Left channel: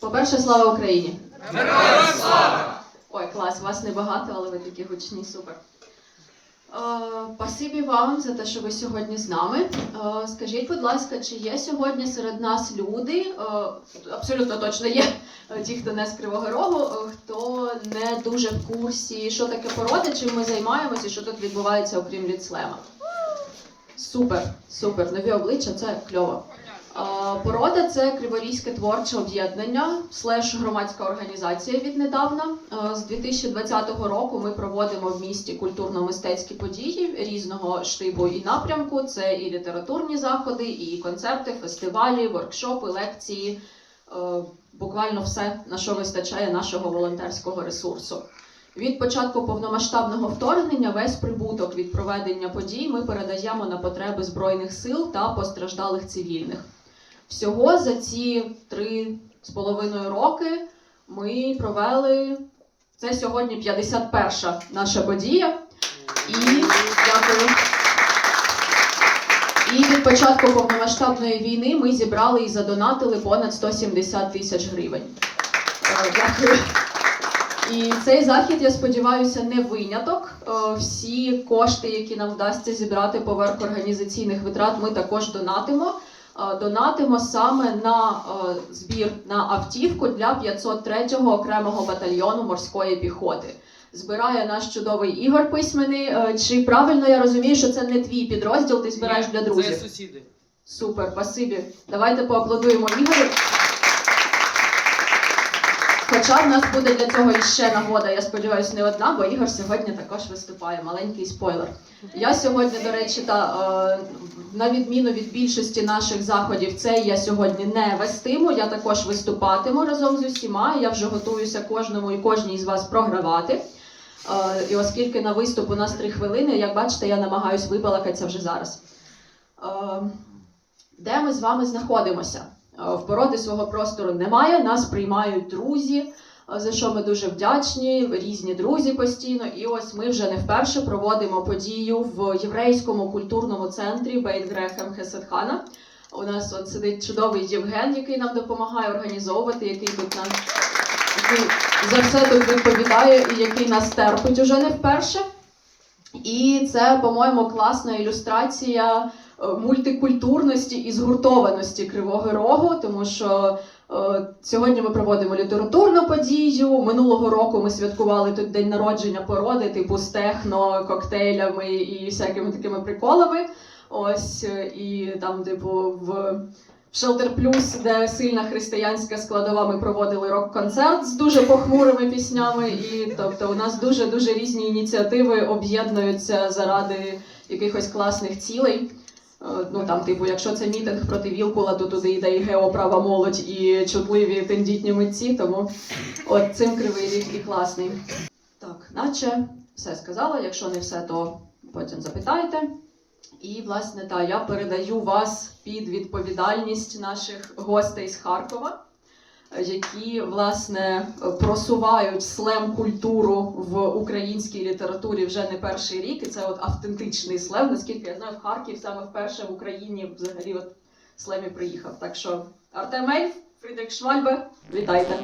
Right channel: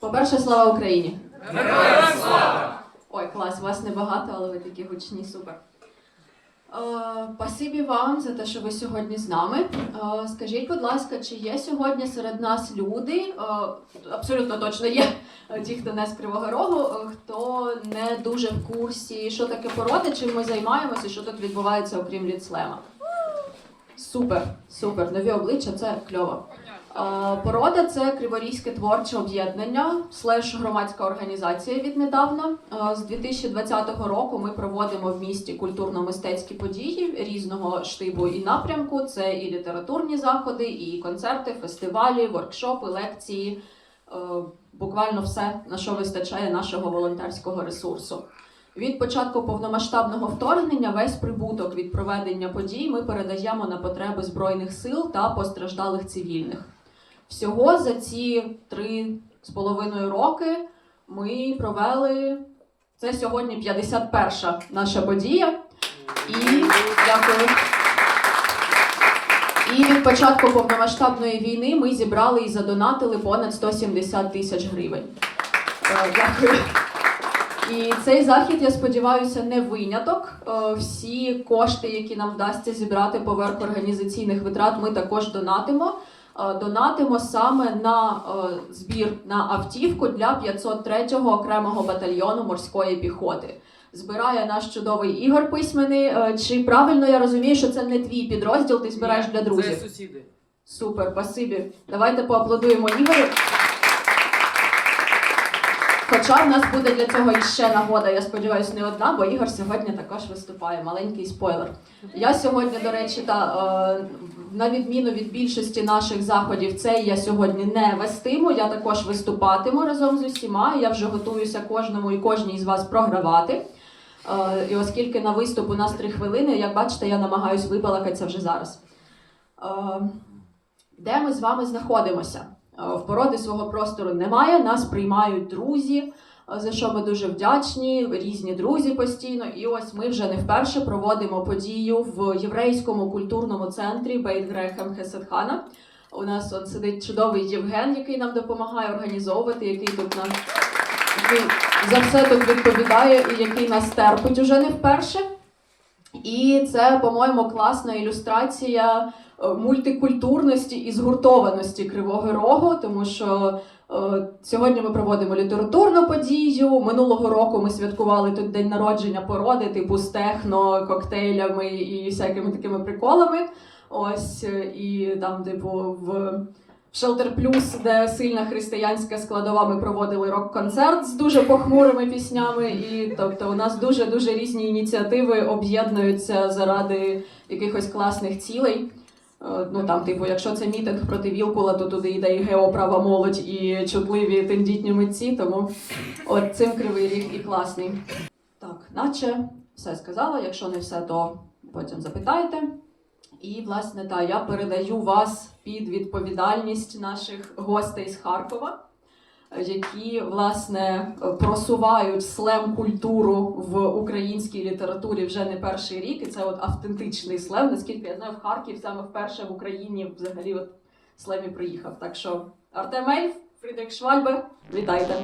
По-перше, слава Україні! слава! Ой, клас, вас небагато, але ви такі гучні, супер. Е, Спасибі вам за те, що ви сьогодні з нами. Е, Скажіть, будь ласка, чи є сьогодні серед нас люди? е, Абсолютно точно є ті, хто не з Кривого Рогу, хто не дуже в курсі, що таке породи, чим ми займаємося і що тут відбувається, окрім ліцлема. Супер, супер. Нові обличчя це кльово. Е, Порода це Криворізьке творче об'єднання, слеш громадська організація віднедавна. Е, З 2020 року ми проводимо в місті культурно-мистецькі події різного штибу і напрямку. Це і літературні заходи, і концерти, фестивалі, воркшопи, лекції. Е, Буквально все, на що вистачає нашого волонтерського ресурсу. Від початку повномасштабного вторгнення весь прибуток від проведення подій ми передаємо на потреби збройних сил та постраждалих цивільних. Всього за ці три з половиною роки ми провели це сьогодні 51 наша подія. І дякую. І від початку повномасштабної війни ми зібрали і задонатили понад 170 тисяч гривень. Е, Дякую. І цей захід, я сподіваюся, не виняток. Е, Всі кошти, які нам вдасться зібрати поверх організаційних витрат, ми також донатимо. Е, Донатимо саме на е, збір на автівку для 503-го окремого батальйону морської піхоти. Збирає наш чудовий Ігор Письменний. Е, Чи правильно я розумію, що це не твій підрозділ, ти збираєш для друзів? Це сусіди. Супер, спасибі. Давайте поаплодуємо Ігорю. Хоча в нас буде для цього іще нагода, я сподіваюся, не одна, бо Ігор сьогодні також виступає. Маленький спойлер. Я сьогодні, до речі, та е, на відміну від більшості наших заходів, це я сьогодні не вестиму. Я також виступатиму разом з усіма. Я вже готуюся кожному і кожній з вас програвати. Е, і оскільки на виступ у нас три хвилини, як бачите, я намагаюсь вибалакатися вже зараз. Е, де ми з вами знаходимося? Е, В породи свого простору немає, нас приймають друзі, е, за що ми дуже вдячні, різні друзі постійно. І ось ми вже не вперше проводимо подію в єврейському культурному центрі Бейт Грехем Хесетхана. У нас от сидить чудовий Євген, який нам допомагає організовувати, який тут нам за все тут відповідає і який нас терпить уже не вперше. І це, по-моєму, класна ілюстрація мультикультурності і згуртованості Кривого Рогу, тому що е, сьогодні ми проводимо літературну подію. Минулого року ми святкували тут день народження породи, типу з техно, коктейлями і всякими такими приколами. Ось е, і там, типу, в. Shelter Plus, де сильна християнська складова, ми проводили рок-концерт з дуже похмурими піснями. І тобто у нас дуже дуже різні ініціативи об'єднуються заради якихось класних цілей. Е, Ну там, типу, якщо це мітинг проти Вілкула, то туди йде і геоправа молодь, і чутливі тендітні митці. Тому от цим кривий рік і класний. Так, наче все сказала. Якщо не все, то потім запитайте. І, власне, та я передаю вас під відповідальність наших гостей з Харкова, які власне просувають слем культуру в українській літературі вже не перший рік. І це от автентичний слем. Наскільки я знаю, в Харків саме вперше в Україні взагалі от слем і приїхав. Так що Артем Ельф, Фрідрих Швальбе, вітайте!